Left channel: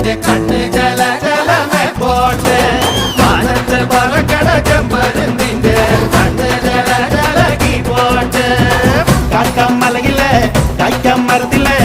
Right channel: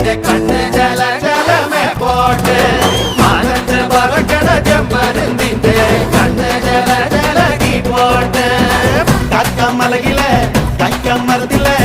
നിന്റെ കണ്ണ് ജല ജലമേ പോട്ടെ മാനത്ത് പറക്കണ ചെമ്പരുന്നിന്റെ കണ്ണ് ജല ജലകി പോട്ടെ കക്കമ്മലയിലെ കൈക്കമ്മരത്തിലെ